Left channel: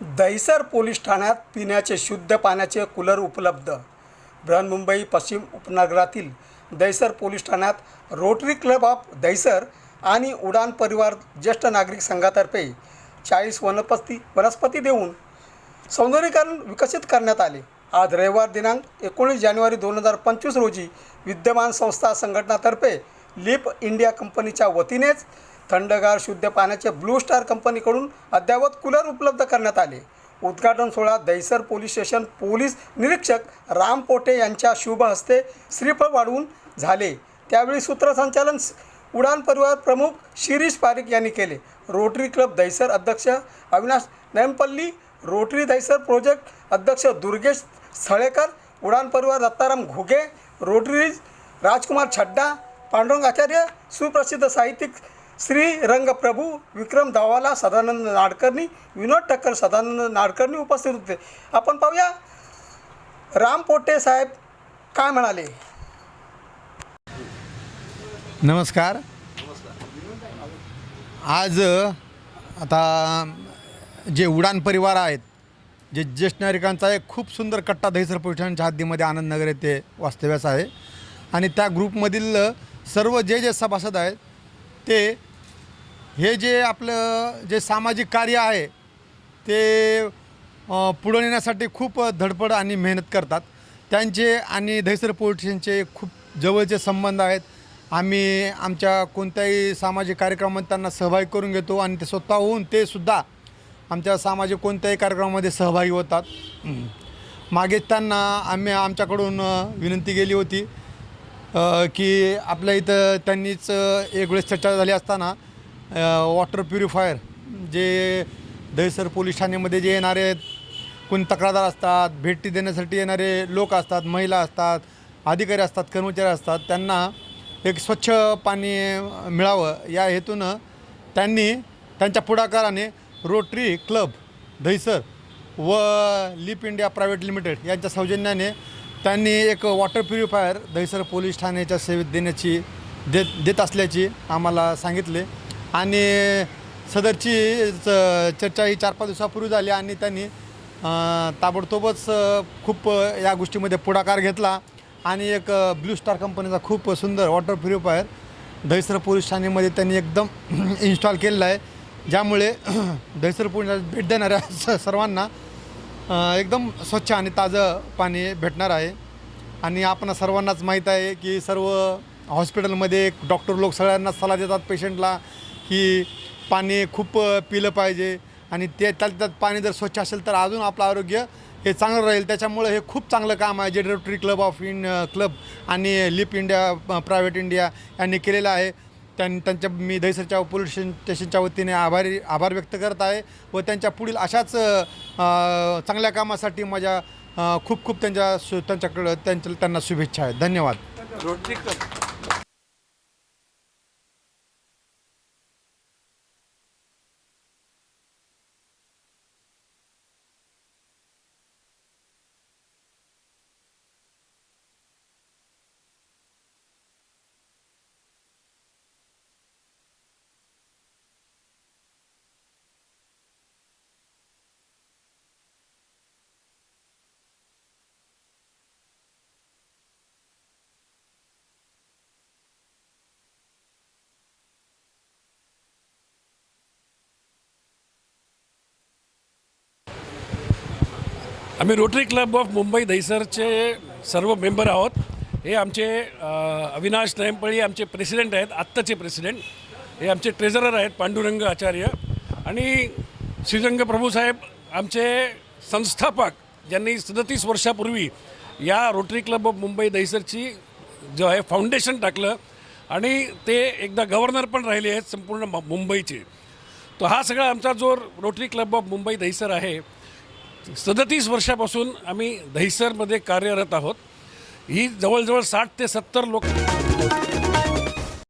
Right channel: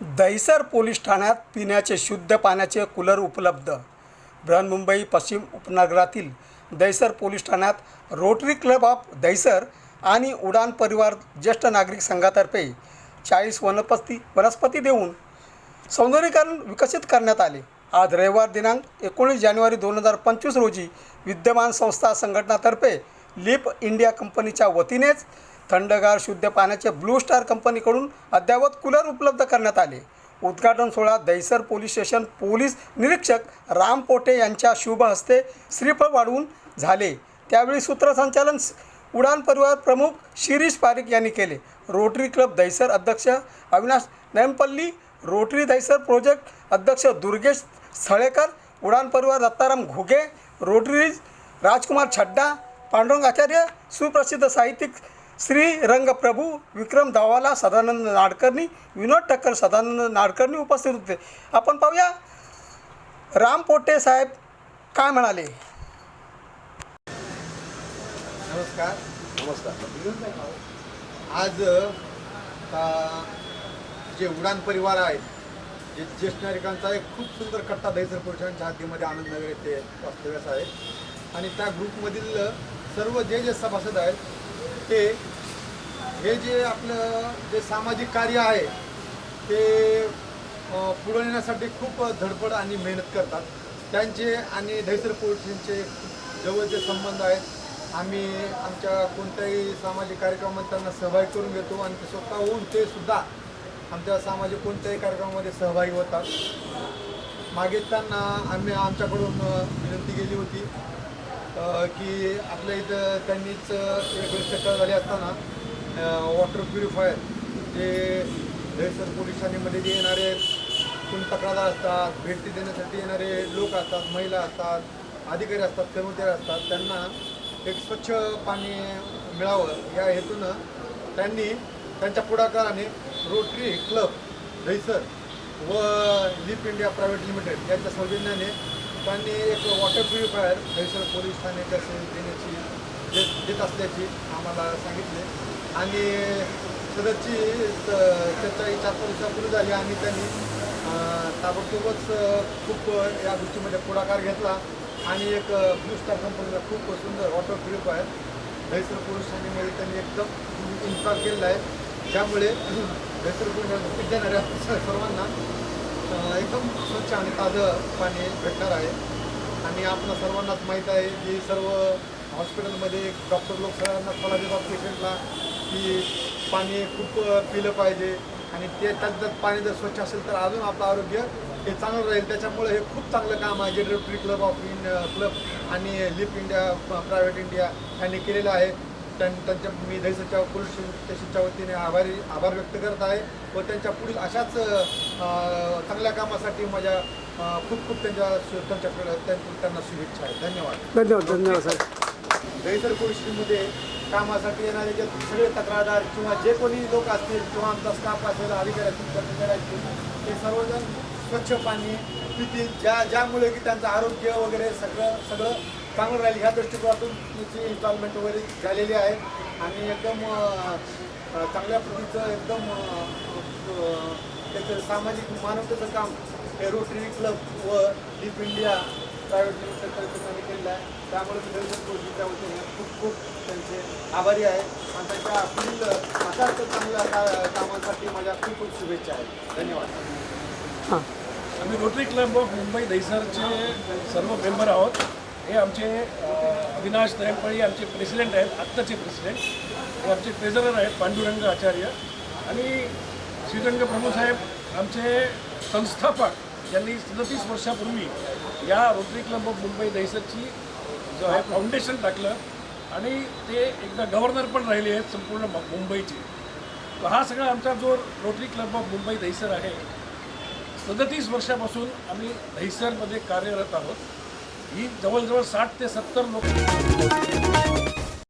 Dahisar police ठाण्यात पिण्याचे शुद्ध पाण्याचे कूलर उपलब्ध. बृहन्मुंबई पश्चिम उपनगरातील दहिसर पोलीस ठाण्यात रोटरी क्लब ऑफ दहिसर आणि उडान परिवार ज्येष्ठ नागरिक संघातर्फे चाळीस वनस्पती वनस्पती देऊन सौंदर्यीकरण विकसित करण्यात आले. आज रविवार दिनांक एकोणीस जानेवारी दोन हजार पंचवीस रोजी विद्यमान संस्था संघटनातर्फे लिप इंडिया कंपनीच्या वतीनेच थंडगार शुद्ध पाण्याचे ब्लू स्टार कंपनीकडून अद्ययावत कूलर उपलब्ध करण्यात आले. उद्घाटन सोहळा दहिसर पोलीस स्टेशन पोलीस निरीक्षक राम पोटे यांच्या शुभ हस्ते श्रीफळ वाढवून झाले. त्यावेळी सूत्रसंचालन उडान परिवार प्रमुख शिरीष पारिक यांनी केले. रोटरी क्लब दहिसर अध्यक्ष अविनाश नेमपल्ली रोटरी दहिसर प्रोजेक्ट अध्यक्ष दुर्गेश स्थळेकर उडान परिवार दत्ताराम घुगे रोटरी राजकुमार छड्डा पांडुरंग आचार्य सुप्रसिद्ध साहित्यिक श्री रंगप्रभू विक्रम दावाला सदानंद नाडकर्णी विनोद ठक्कर सदानंद नाडकर्णी उपस्थित होते. आपण पाहूया. राम पोटे साहेब काय म्हणाले? नमस्कार. आज आता जे उडान परिवार आहेत जे ज्येष्ठ नागरिकांचा एक खूप सुंदर कट्टा दहिसर पोलिसांच्या हद्दीमध्ये आनंदनगर येथे वास्तव्यास आहे. आणि त्या ग्रुपमधील सर्व जे जे सभासद आहेत ते हे जे आपलं जे सामाजिक कार्य आहे ते पुढे पुढं नेण्यासाठी खूप धडपड आणि मेहनत करतात. त्यांचे आणि दहिसर पोलीस खूप जवळचे संबंध आहेत. आम्ही आमच्या कोणत्याही सामाजिक कार्यक्रमात त्यांना सहभागी करून घेतो आणि ते स्वतःहून ते सुद्धा आमच्या सामाजिक कोणत्याही कार्यक्रमामध्ये सहभागी होतात. मागे त्यांना आम्ही आमच्याकडून विनंती केली होती की आपल्या इथं त्यांनीच एक वेळेस चर्चा झाली असताना वॉटर प्युरिफायर जे दहिसर पोलीस ठाण्यामध्ये जे येणारे कोण तक्रारदार असतात भेटी देण्यासाठी येणारे लोक असतात महिला असतात अधिकारी असतात कर्मचारी असतात त्यांना एक स्वच्छ पाणी मिळावं या हेतूनं त्यांनी त्यांच्या पुढाकाराने रोटरी क्लब दहिसर व लिप इंडिया प्रायव्हेट लिमिटेड यांच्या सौजन्याने त्यांनी एक वॉटर प्युरिफायर दहिसर पोलीस ठाण्याच्या सेवेत देण्याची देत देत असल्याची आम्हाला सांगितले. आणि सदरची च- चर्चा ही चार पाच दिवसापूर्वी झाली आणि त्यांनी ताबडतोबच खूप या गोष्टीमध्ये पुढाकार घेतला. आणि एक ब्लू स्टार कंपनीचा खूप सुंदर वॉटर प्युरिफायर दहिसर पोलीस ठाणेमध्ये त्यांनी एकदम इन्स्टॉल केलेला आहे. ज्यामुळे दहिसर पोलीस भेट देणाऱ्या सर्वांना एकदम स्वच्छ आणि ताजं पाणी भेटणार आहे. आणि आपण सर्वांनाच माहीत आहे की सर्व हॉस्पिटलमध्ये डॉक्टर लोक सगळ्यांना सल्ला देतात पेशंटला. की पाणी खूप पिलं पाहिजे. आणि ते त्यात पाणी जर स्वच्छ असेल तर अजून आपलं आरोग्य हे चांगलं राहील. त्याच्यामुळे हे खूप चांगलं काम आहे. जे Rotary club of in club आणि लिप इंडिया प्रायव्हेट इंडिया यांनी केलेलं आहे. त्यां त्यांच्या मी दहिसरच्या पोलीस स्टेशन- स्टेशनच्या वतीने आभारी आभार व्यक्त करत आहे व त्यांच्या पुढील अशाच चांगल्या कामासाठी माझ्या खूप खूप त्यांच्या शु त्यांच्याकडं त्यांच्या त्यांना शुभेच्छा आहेत. धन्यवाद. धन्यवाद. धन्यवाद साहेब दहिसर पोलीस स्टेशनमध्ये कामासाठी येणारे जे सगळे तक्रारदार किंवा जे कोणी लोक असतील किंवा आमचा स्टाफ असेल अधिकारी असतील कर्मचारी असतील ते सर्वजण स्वच्छ पाणी पितील. ज्या ज्यामुळे की त्यांचं आरोग्य वगैरे सगळं सगळं चांगलं राहील. ह्या दृष्टिकोनातून त्याची इन्स्टॉलमेंट वगैरे झालेली आहे. आणि एकदम चांगल्या प्रतीचं एकदम त्याचं सामाजिक मानवतेचं काम हे रोटरी क्लब व डीप इंडिया प्रायव्हेट लिमिटेड त्यांनी केलेलं आहे. त्यामुळे मी दर्शन गोष्टीच्या वतीने खूप खूप त्यांचे आभारी आहे. आणि त्यांच्या पुढील अशाच चांगल्या कामासाठी माझ्या खूप खूप शुभेच्छा आहेत. धन्यवाद. आम्ही रोटरी क्लब ऑफ मुंबई दहिसरचे सर्व मेंबर आहोत. हे आमचे अविनाश नयमपळी आमचे प्रेसिडेंट आहेत. आत्ताचे प्रेसिडेंट हे आमचे ट्रेझरर आहेत पांडुरंग आचार्य. आणि श्रीरंग प्रभूसाहेब आमचे संस्थापक ज्यांनी सदतीस वर्षापूर्वी या रोटरी क्लब ऑफ मुंबई दहिसरची जो आहे फाउंडेशन टाकलं आणि ते एकदा गव्हर्नर पण राहिले आहेत संपूर्ण मुंबईचे. तर हा सगळा आमचा जो Rotary club of Mumbai Dahisar आहे सदतीस वर्षापासून आम्ही दहिसरमध्ये कार्यरत आहोत. ही जवळजवळ साठ ते सत्तर लोक